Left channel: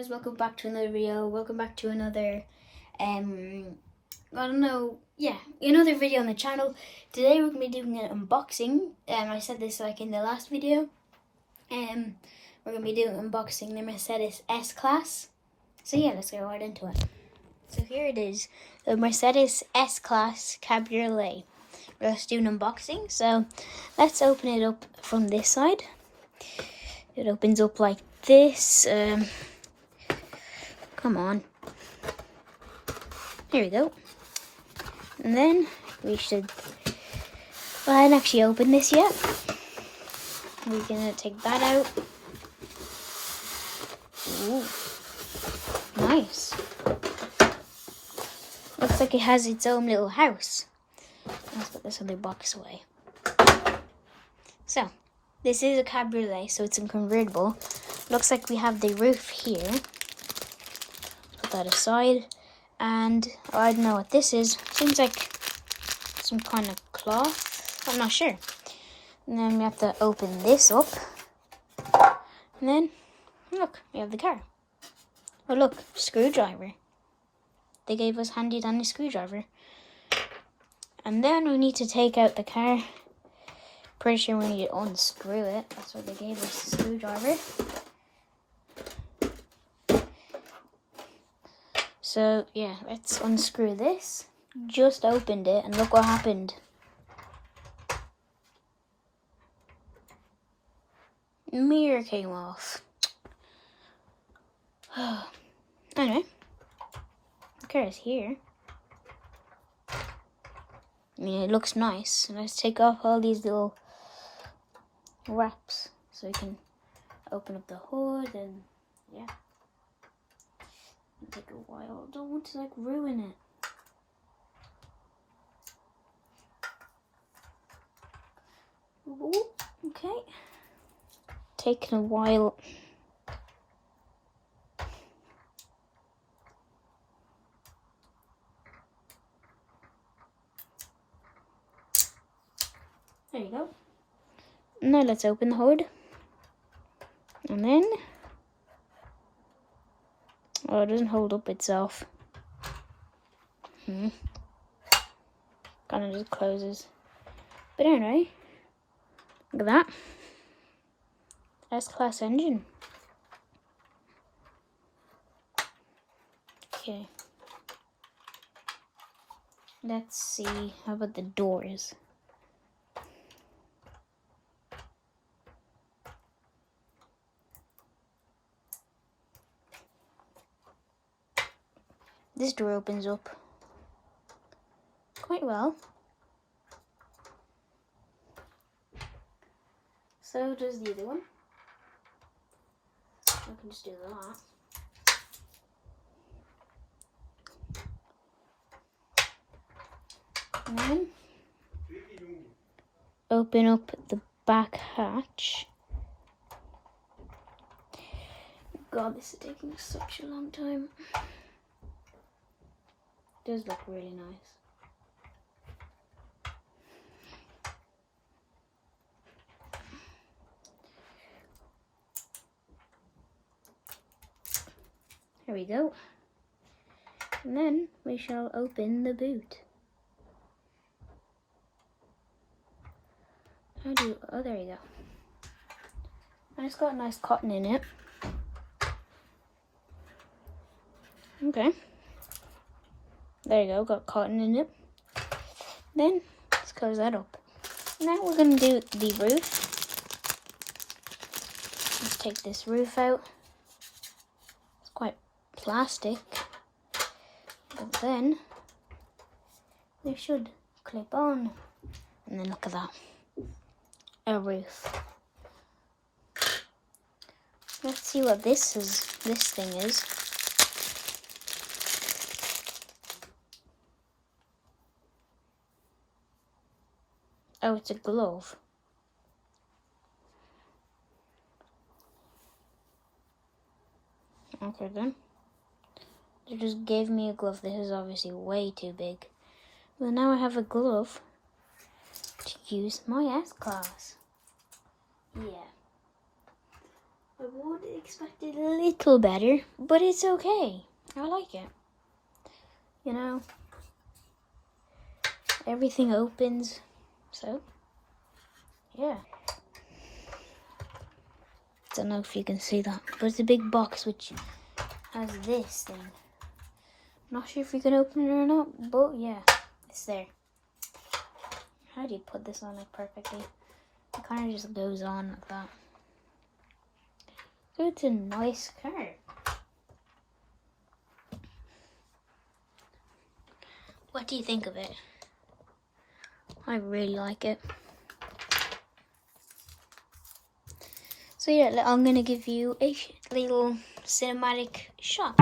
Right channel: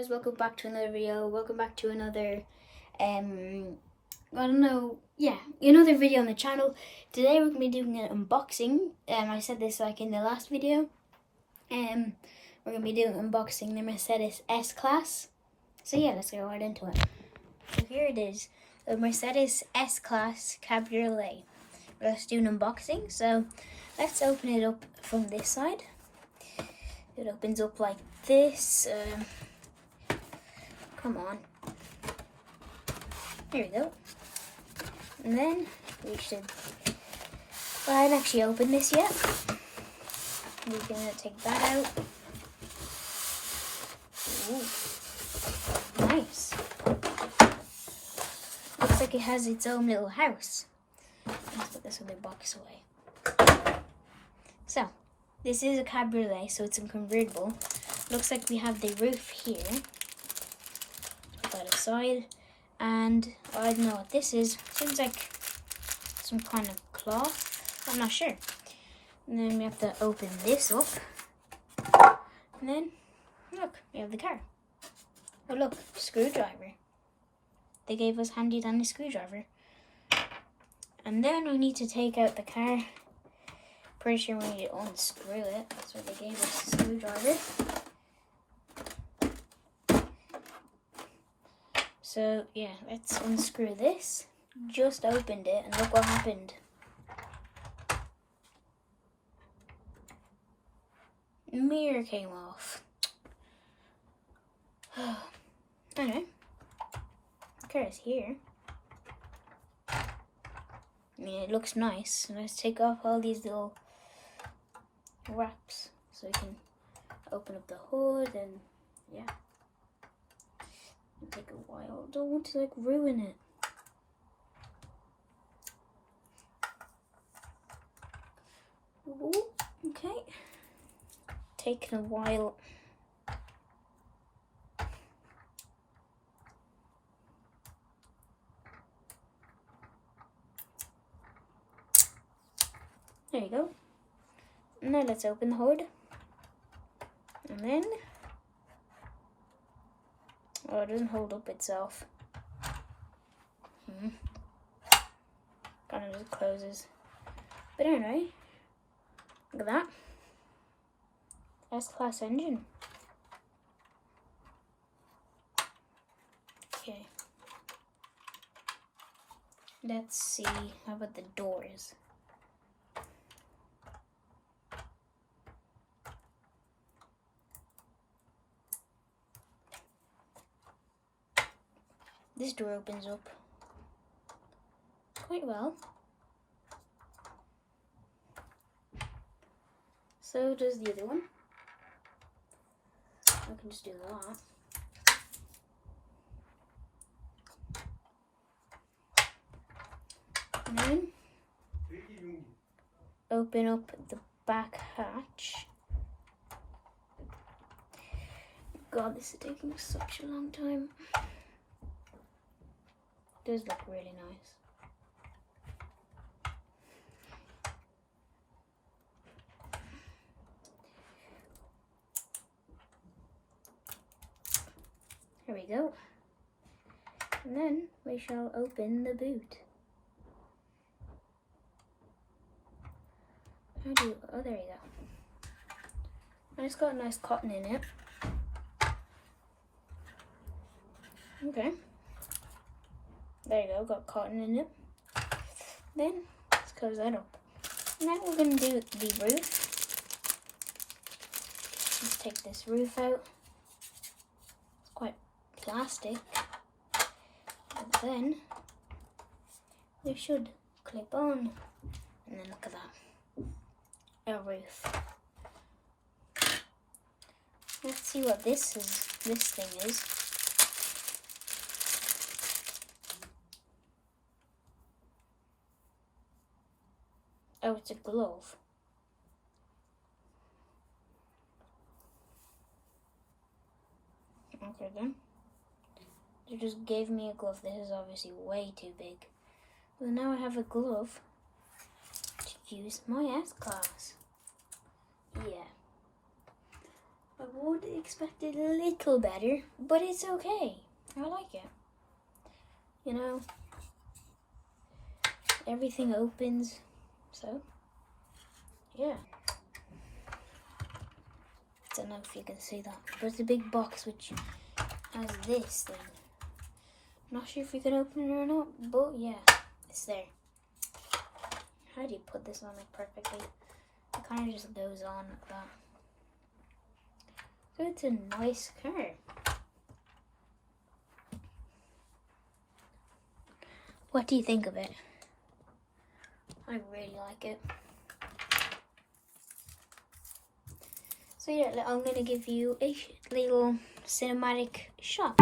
guys, welcome back to another video. Welcome back to another another video on the channel. Today we're gonna be doing an unboxing. I said this like in the last video. We're gonna be doing unboxing the Mercedes S class. So yeah, let's get right into it. So here it is, the Mercedes S class Cabriolet. We're just doing unboxing. So let's open it up from this side. It opens up like this. Come on. Here we go. And then we should. Well, I haven't actually opened this yet. We're gonna take that out. Ooh, nice. Looks like it has its own little house. Let's put this other box away. So, this is a Cabriolet, so it's a convertible. Looks like we have the roof here. Put that aside. And I don't know what this is. Seems like some kind of cloth. I'm not sure. And then we have to open this up. And then, look, we have the car. Oh look, screwdriver. They gave us handy dandy screwdriver. And then we need to take out the car. Pretty sure we need to unscrew it. That's why they gave us a screwdriver. So yeah, let's unscrew this. Just opened it and look what happened. Mirror came off. Anyway, the car is here. I mean, it looks nice. Let's take off all these little wraps so we can open up the hood and yeah. It'll take a while. I don't want to like ruin it. Ooh, okay. Taking a while. There you go. Now let's open the hood. And then, oh, it doesn't hold up itself. Kind of just closes. But anyway, look at that. S-Class engine. Okay. Let's see. How about the doors? This door opens up quite well. So does the other one. I can just do that. And then open up the back hatch. God, this is taking such a long time. It does look really nice. Here we go. And then we shall open the boot. Oh, there you go. And it's got nice cotton in it. Okay. There you go, got cotton in it. Then, let's close that up. Now we're going to do the roof. Let's take this roof out. It's quite plastic. But then, they should clip on. And then look at that. A roof. Let's see what this thing is. Oh, it's a glove. Okay then. They just gave me a glove. This is obviously way too big. Well, now I have a glove to use my S-Class. Yeah. I would would expect it a little better, but it's okay. I like it. You know, everything opens, so yeah. Don't know if you can see that, but it's a big box which has this thing. Not sure if you can open it or not, but yeah, it's there. How do you put this on it perfectly? It kind of just goes on like that. So it's a nice car. What do you think of it? I really like it. So yeah, I'm gonna give you a little cinematic shot.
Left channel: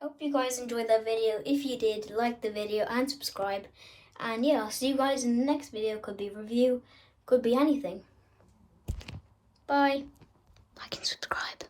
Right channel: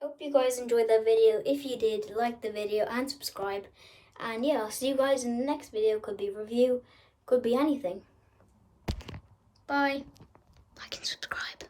Hope you guys enjoyed that video. If you did, like the video and subscribe. And yeah, I'll see you guys in the next video. Could be review, could be anything. Bye. Like and subscribe.